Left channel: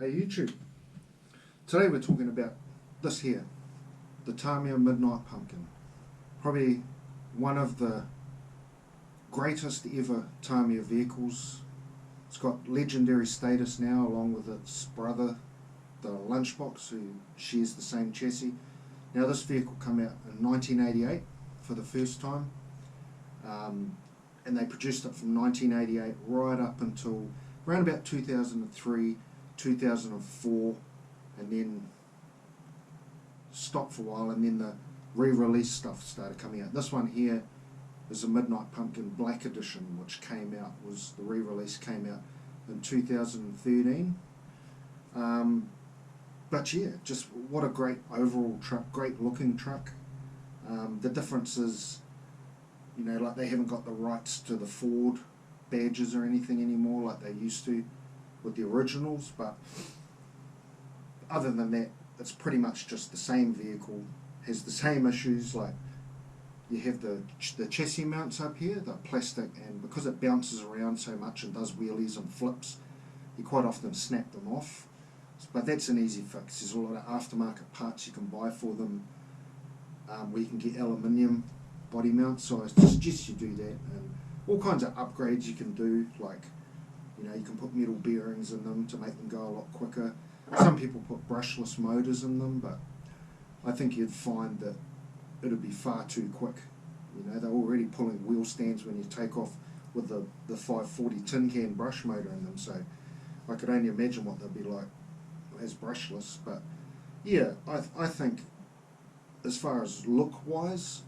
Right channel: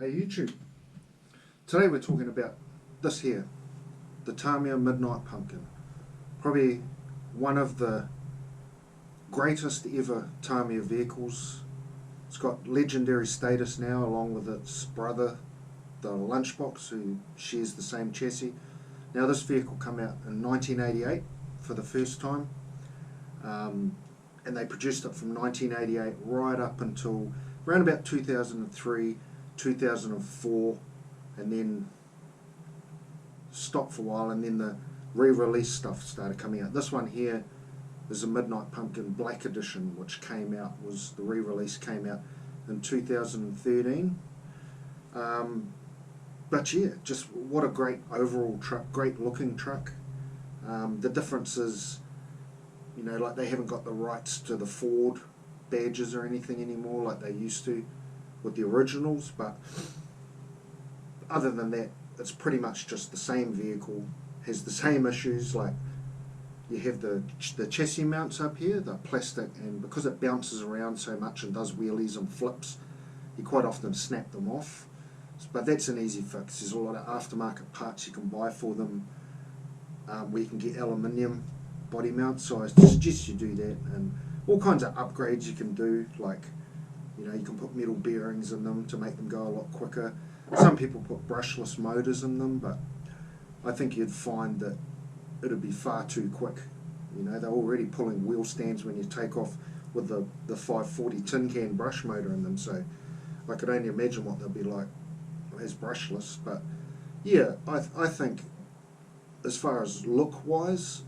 Hey YouTube, today we're talking about this here, the Tamiya Midnight Pumpkin. Probably one of the greatest ever Tamiya vehicles. It's got legendary status now along with its brother, the Lunchbox, who shares the same chassis. Now this vehicle came out in 1988 for the first time, and they produced it from 1988 right up until around about 2003, 2004, and then stopped for a while, and then the re-release stuff started coming out. This one here is a Midnight Pumpkin Black Edition, which came out, was the re-release came out in 2013. But yeah, just what a great overall truck, great looking truck. The difference is, you know, like they haven't got the rights to the Ford badges or anything anymore like they used to with the originals, but other than that, it's pretty much just the same vehicle, has the same issues. Like you have the chassis mounts up here, the plastic, and because it bounces around so much and does wheelies and flips, you quite often snap them off. But that's an easy fix. There's a lot of aftermarket parts you can buy for them, where you can get aluminium body mounts, so I suggest you do that, and all kinds of upgrades you can do, like, you know, you can put metal bearings in them to make them go a lot quicker. Some people put brushless motors in them, but I think you'd find that it'd be far too quick. You know, they're already pulling wheel stands when you take off with the 540 tin can brush motor in them, so I could only imagine what they'll be like as brushless. But yeah, I think as far as look wise,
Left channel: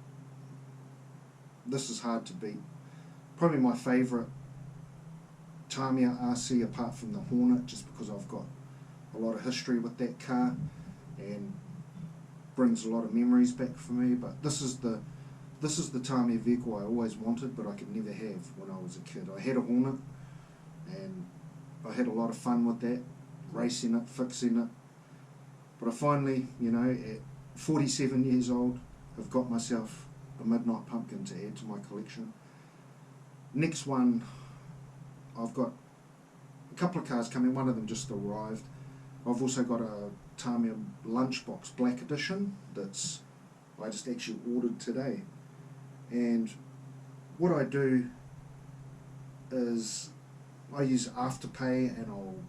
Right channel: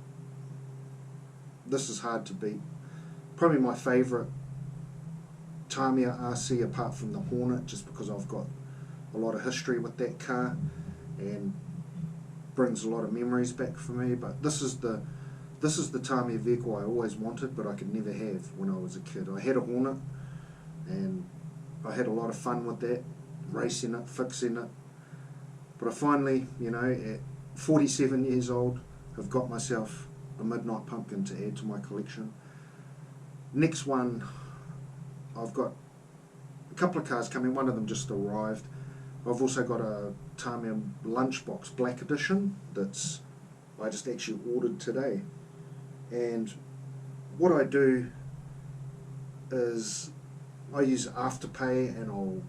this is hard to beat. Probably my favourite Tamiya RC apart from the Hornet, just because I've got a lot of history with that car and brings a lot of memories back for me. But this is the Tamiya vehicle I always wanted, but I could never have when I was a kid. I had a Hornet and I had a lot of fun with that, racing it, fixing it. But I finally, you know, at 47 years old, have got myself a Midnight Pumpkin to add to my collection. Next one, I've got a couple of cars coming. One of them just arrived. I've also got a Tamiya Lunchbox Black Edition that's I just actually ordered today. And what I do is I use Afterpay, and I'll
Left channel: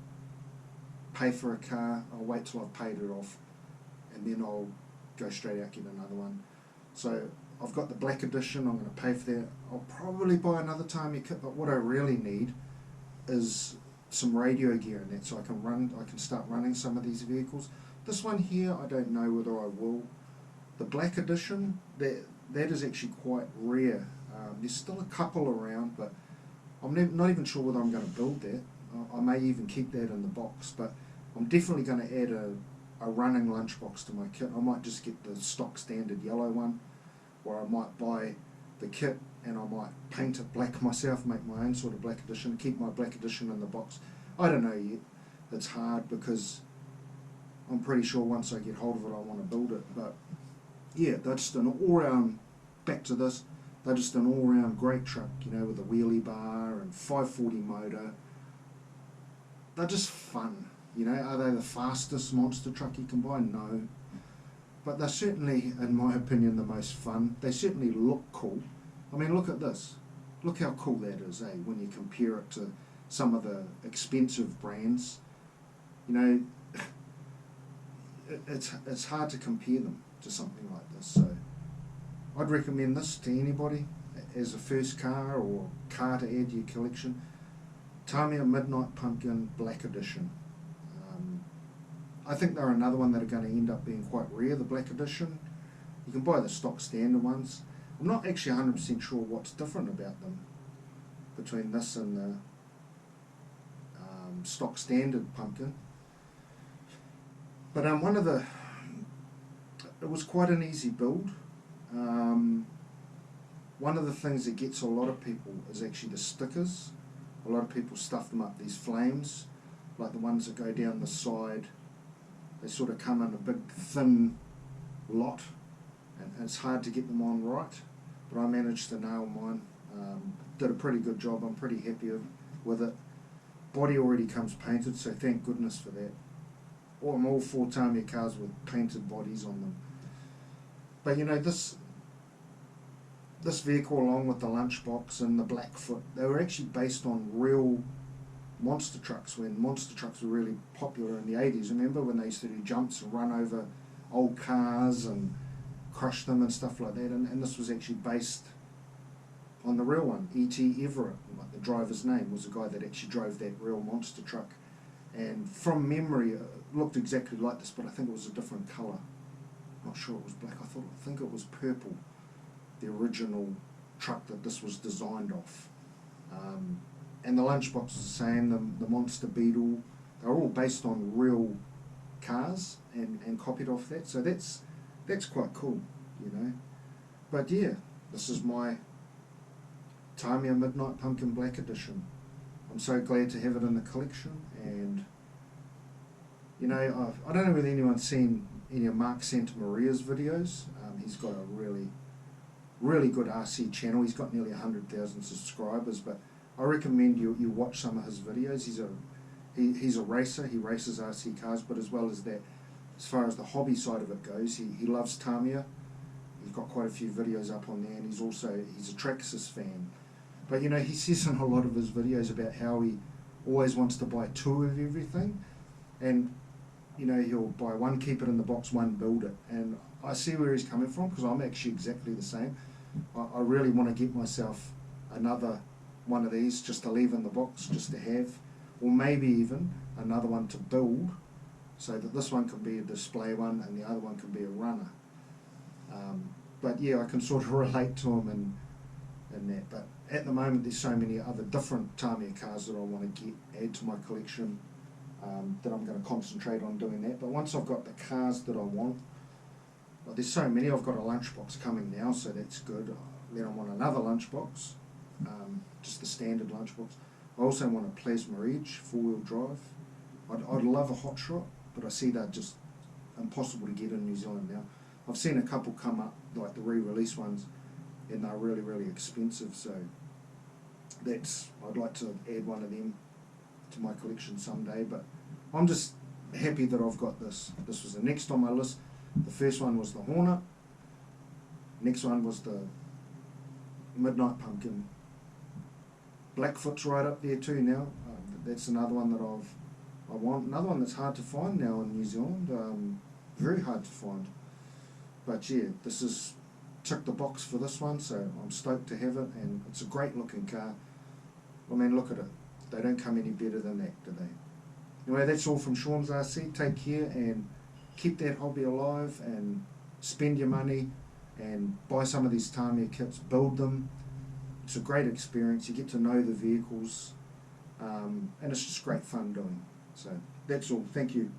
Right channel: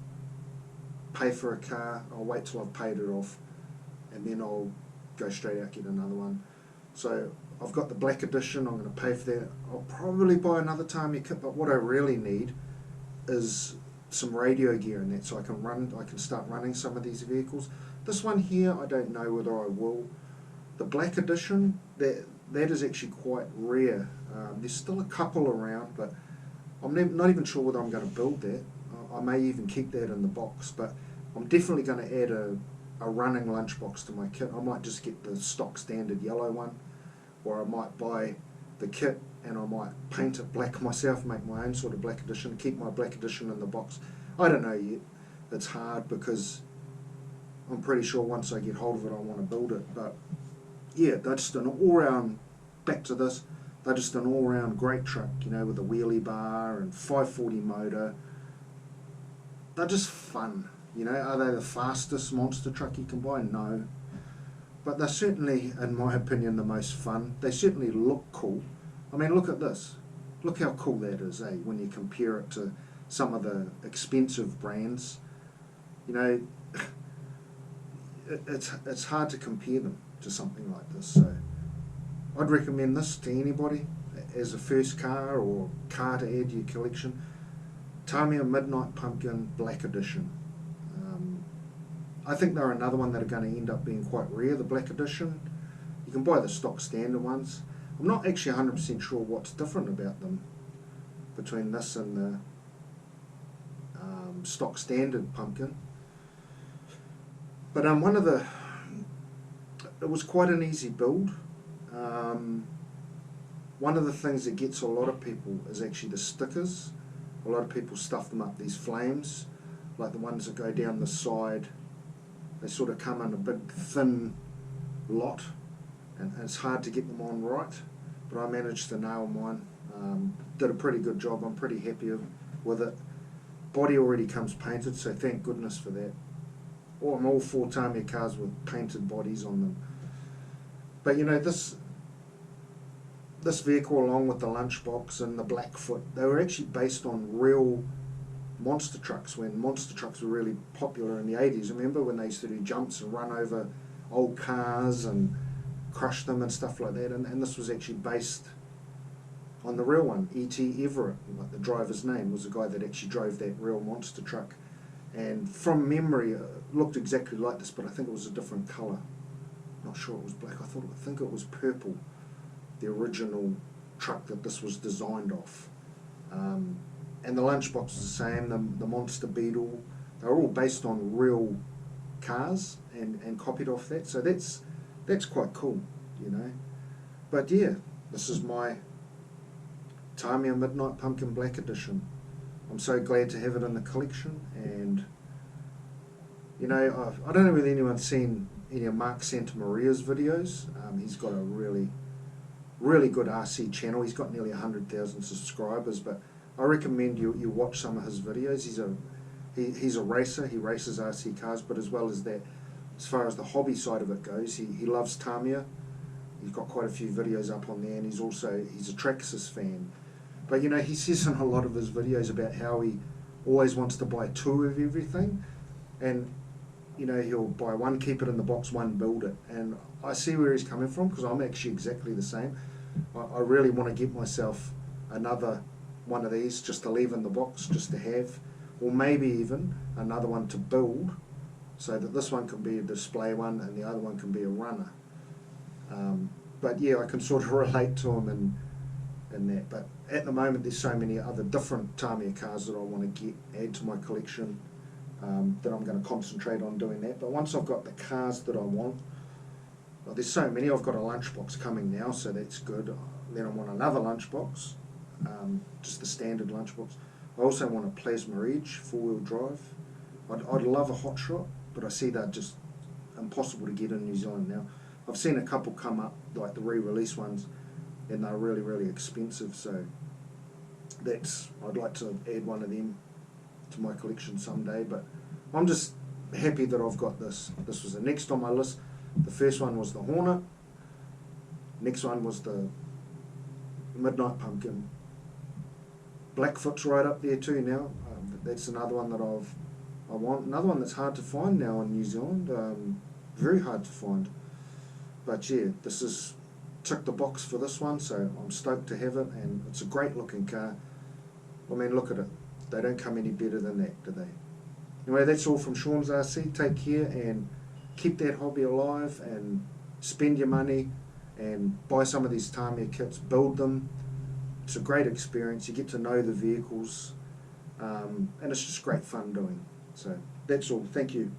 pay for a car. I'll wait till I've paid it off, and then I'll go straight out get another one. So I've got the Black Edition. I'm going to pay for that. I'll probably buy another Tamiya kit, but what I really need is some radio gear in that, so I can start running some of these vehicles. This one here, I don't know whether I will. The Black Edition, that is actually quite rare. There's still a couple around, but I'm not even sure whether I'm going to build that. I may even keep that in the box, but I'm definitely going to add a running lunchbox to my kit. I might just get the stock standard yellow one, or I might buy the kit and I might paint it black myself, make my own sort of Black Edition, keep my Black Edition in the box. I don't know yet. It's hard because I'm pretty sure once I get hold of it I want to build it. But yeah, they're just an all-round, back to this, they're just an all-round great truck, you know, with a wheelie bar and 540 motor. They're just fun, you know. Are they the fastest monster truck you can buy? No. But they're certainly, in my opinion, the most fun. They certainly look cool. I mean, look at this. Look how cool that is, eh, when you compare it to some of the expensive brands. You know, it's hard to compare them to something like this. So I'd recommend this to anybody as a first car or car to add to your collection. Tamiya Midnight Pumpkin Black Edition. I think they're another one that are going to end up being quite rare, the Black Edition. You can buy the stock standard ones. I'm not actually 100% sure what's different about them between this and the stock standard pumpkin. But it was quite an easy build. One of the things that gets a lot of people is actually the stickers. A lot of people stuff them up these flames, like the ones that go down the side. They sort of come in a big thin lot, and it's hard to get them on right, but I managed to nail mine. Did a pretty good job. I'm pretty happy with it. Body already comes painted, so thank goodness for that. I'm all for Tamiya cars with painted bodies on them. But you know, this vehicle, along with the Lunchbox and the Blackfoot, they were actually based on real monster trucks when monster trucks were really popular in the 80s. Remember when they used to do jumps and run over old cars and crush them and stuff like that? And this was actually based on the real one. E.T. Everett, like the driver's name, was the guy that actually drove that real monster truck. And from memory, it looked exactly like this, but I think it was a different colour. Not sure it was black. I think it was purple, the original truck that this was designed off. And the Lunchbox is the same, the Monster Beetle. They're all based on real cars and copied off that. So that's quite cool, you know. But yeah, this is my Tamiya Midnight Pumpkin Black Edition. I'm so glad to have it in the collection. And you know, I don't know whether anyone's seen any of Mark Santamaria's videos. He's got a really good RC channel. He's got nearly 100,000 subscribers, but I recommend you watch some of his videos. He's a racer. He races RC cars, but as well as that, as far as the hobby side of it goes, he loves Tamiya. He's got quite a few videos up on there, and he's a Traxxas fan. But you know, he says in a lot of his videos about how he always wants to buy two of everything, and you know, he'll buy one, keep it in the box, one, build it. And I see where he's coming from, because I'm actually exactly the same. I really want to get myself another one of these just to leave in the box, just to have, or maybe even another one to build, so that this one can be a display one and the other one can be a runner. But yeah, I can sort of relate to him in that. But at the moment, there's so many other different Tamiya cars that I want to add to my collection, that I'm going to concentrate on doing that. But once I've got the cars that I want, well, there's so many. I've got a Lunchbox coming now, so that's good. Then I want another Lunchbox, just the standard Lunchbox. I also want a Plasma Edge 4-wheel drive. I'd love a Hot Shot, but I see they're just impossible to get in New Zealand now. I've seen a couple come up, like the re-release ones, and they're really, really expensive. So I'd like to add one of them to my collection someday. But I'm just happy that I've got this. This was the next on my list. The first one was the Hornet. Next one was the Midnight Pumpkin. Blackfoot's right up there too now. That's another one that I want. Another one that's hard to find now in New Zealand. Very hard to find. But yeah, this is ticked the box for this one, so I'm stoked to have it, and it's a great looking car. I mean, look at it. They don't come any better than that, do they? Anyway, that's all from Sean's RC. Take care and keep that hobby alive, and spend your money and buy some of these Tamiya kits, build them. It's a great experience. You get to know the vehicles, and it's just great fun doing. So that's all. Thank you.